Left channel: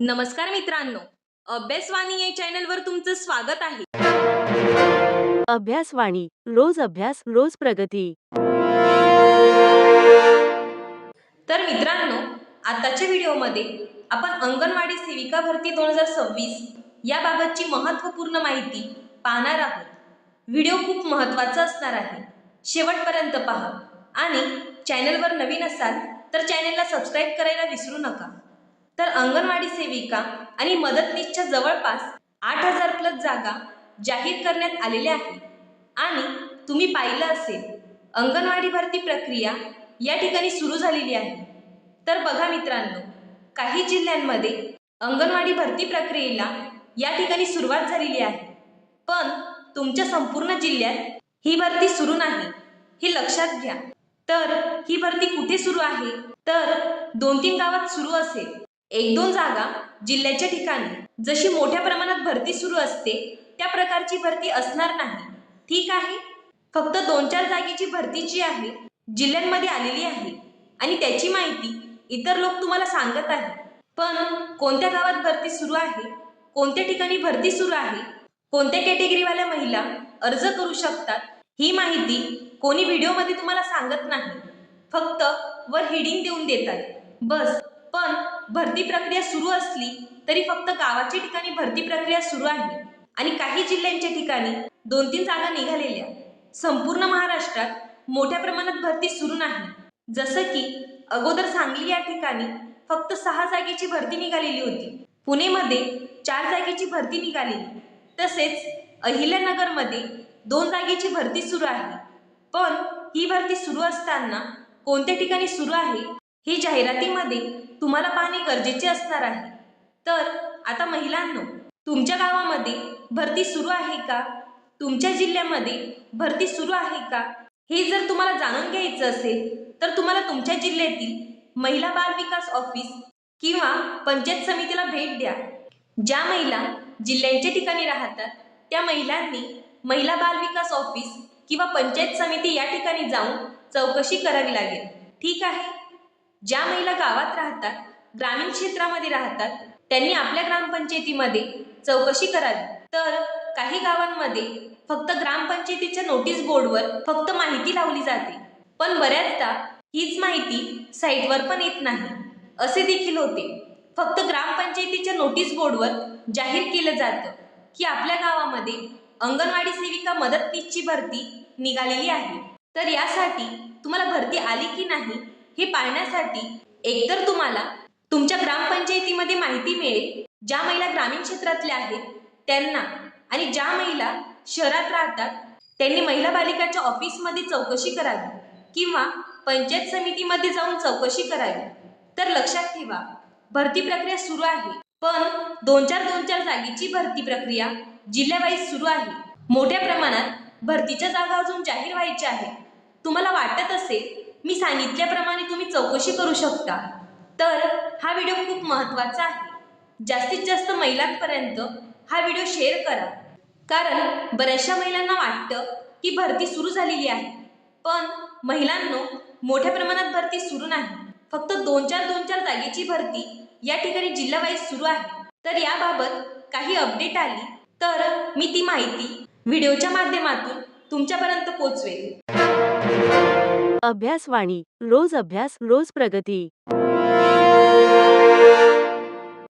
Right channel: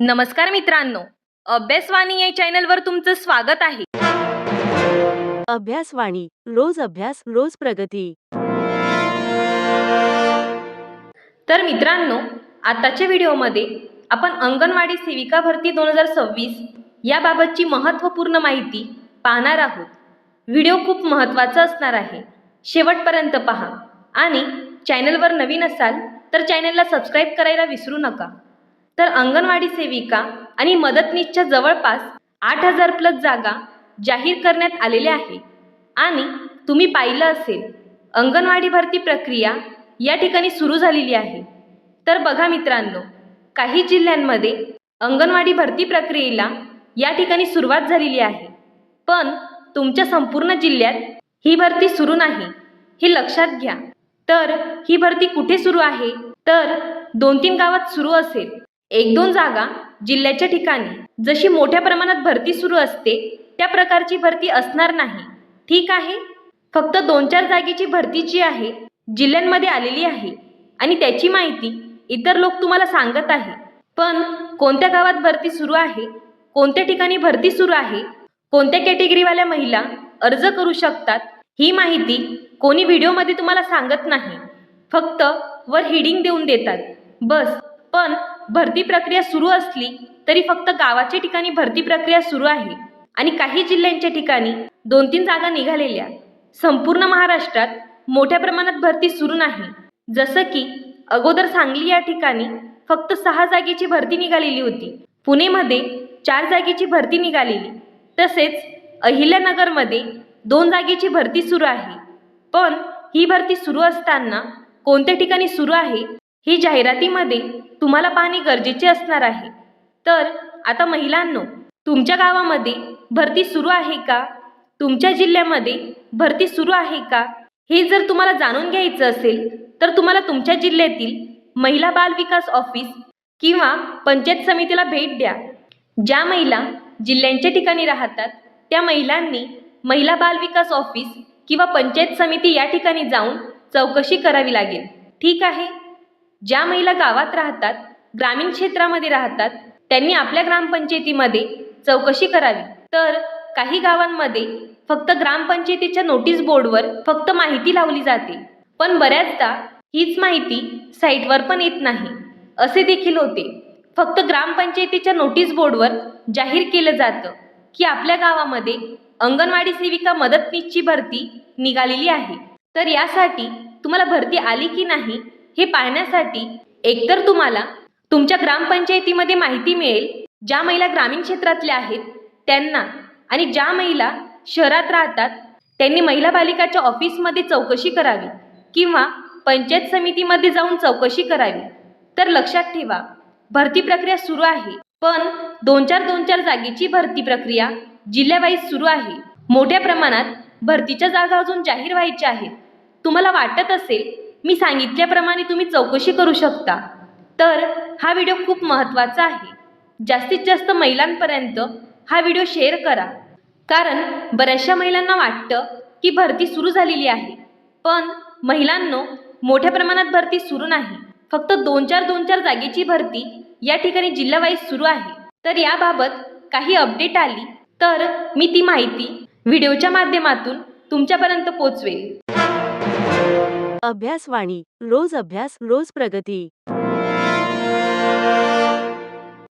नमस्कार मित्रांनो, अभ्यासवाणी या चॅनलवर तुमचं स्वागत आहे. अभ्यासवाणी रोज अभ्यास रोज प्रगती. तर मित्रांनो, आताच्या व्हिडिओमध्ये आपण अंगणवाडी सेविका भरती 2026 याबाबतची महत्त्वपूर्ण माहिती पाहणार आहोत. व्हिडिओ खूप महत्त्वाचा असणार आहे. शेवटपर्यंत पहा आणि चॅनलवर नवीन असाल तर चॅनलला सबस्क्राईब करायला विसरू नका. तर अंगणवाडी सेविका आणि मदतनीसच्या जवळपास 8,000 प्लस जागा जाहीर करण्यात आलेल्या आहे. आणि तुम्ही पाहिलं असेल, अंगणवाडी भरती प्रक्रिया या ठिकाणी सुरू झालेली आहे. तर बघा मित्रांनो, काही जिल्ह्यांमध्ये अंगणवाडी भरती प्रक्रियेला या ठिकाणी सुरुवात झालेली आहे, पण तुमच्या संपूर्ण जिल्ह्यात ही भरती सुरू नाही, हे लक्षात घ्या. तर ही भरती कुठे सुरू आहे? तर 2-3 गावात सुरू असेल. 1-2 जागा जिल्ह्याच्या ठिकाणी. जशी मोठ्या प्रमाणात भरती सुरू असते त्या प्रकारची भरती असणार नाही, ठीक आहे. फक्त 2-4 जागेची भरती जी आहे जिल्ह्यांमध्ये आलेली आहे आणि त्याची माहिती इतर लोक तुम्हाला सांगत आहे. पण कोणत्या गावात भरती सुरू आहे, कोणत्या ठिकाणी भरती सुरू आहे, कोणत्या कॅटेगरीवाल्या महिला अर्ज करू शकतात, ही माहिती कोणी व्हिडिओमध्ये तुम्हाला सांगत नाही. फक्त वर हेडिंग देऊन देतात बस. पण भरती प्रक्रिया सुरू असली तरी फक्त गावाच्या ठिकाणी भरती प्रक्रिया सुरू आहे आणि काही जिल्ह्यांच्या ठिकाणी 2-3 जागा निघालेल्या. संपूर्ण महाराष्ट्रात मोठ्या प्रमाणात भरती सुरू नाही. जसं की अगोदर सांगली या ठिकाणी फक्त 6 जागेची भरती निघालेली होती. पुणेमध्ये 4 जागेची भरती निघालेली. तसेच अहिल्यानगरमध्ये 2 जागेची भरती सुरू आहे. पण ही भरती सुरू असताना कोणत्या ठिकाणी सुरू आहे ही जाहिरातीमध्ये तुम्हाला पाहणे गरजेचे असणार आहे. तर आता महिलांनो, तुमच्या गावामध्ये भरती सुरू आहे का? तुमच्या जिल्ह्यामध्ये भरती सुरू आहे का? हे जर तुम्हाला जाणून घ्यायचं असेल तर तुम्हाला तुमच्या जिल्ह्यातील महिला बाल विकास ऑफिस किंवा पंचायत समितीला भेट द्या. ज्या महिला जिल्ह्यांच्या ठिकाणी राहतात त्या महिलांनी महिला बाल विकास ऑफिस किंवा पंचायत समिती या ठिकाणी जाऊन चौकशी करावी लागेल, ठीक आहे. ज्या महिला गावात राहतात, ग्रामीण क्षेत्रामध्ये राहतात, त्यांनी आपल्या ग्रामपंचायतीमध्ये चौकशी करावी. तर काही गावांमध्ये फक्त ग्रामपंचायतीच्या नोटीस बोर्डवर फक्त माहिती लावली जाते, पण बऱ्याचदा हीच माहिती साईटवर पण येत नाही, असे देखील होते. फक्त ग्रामपंचायतीच्या नोटीस बोर्डवर जाहीर केलं जातं की आपल्या गावामध्ये अंगणवाडी सेविका मदतनीसची भरती निघालेली आहे. तर यासाठी तुम्हाला भरती आली की नाही हे पाहण्यासाठी एकतर तुम्हाला तुमच्या ग्रामपंचायतीमध्ये माहिती मिळेल ज्या महिला ग्रामीण क्षेत्रातल्या आहेत त्यांना, आणि ज्या महिला शहरात राहतात त्यांनी महिला बालिकाच्या ऑफिसमध्ये चौकशी करावी किंवा पंचायत समितीमध्ये जाऊन चौकशी करावी. तर लक्षात ठेवा, भरती प्रक्रिया सुरू आहे, पण 2-4 जागेची भरती प्रक्रिया जिल्ह्यावाईज सुरू आहे. मोठ्या प्रमाणात भरतीच्या जागा अजून जाहीर व्हायच्या आहेत. तुम्हाला वाटत असेल मी सांगितल्याप्रमाणे तुम्ही चौकशी करू शकता, तर हा व्हिडिओ खूप महत्त्वाचा आहे. जास्तीत जास्त महिलांपर्यंत हा व्हिडिओ शेअर करा. कारण बऱ्याचशा महिलांना वाटतं की भरती सुरू झालेली आहे, पण महिलांनो, मोठ्या प्रमाणात भरती सुरू नाही. फक्त 2-4 जागेची भरती या ठिकाणी जिल्हावाईज सुरू आहे. तर याबाबत काही अपडेट आली तर मी ती माहिती व्हिडिओच्या माध्यमातून तुमच्यापर्यंत पोहोचवेल. अभ्यासवाणी रोज अभ्यास रोज प्रगती.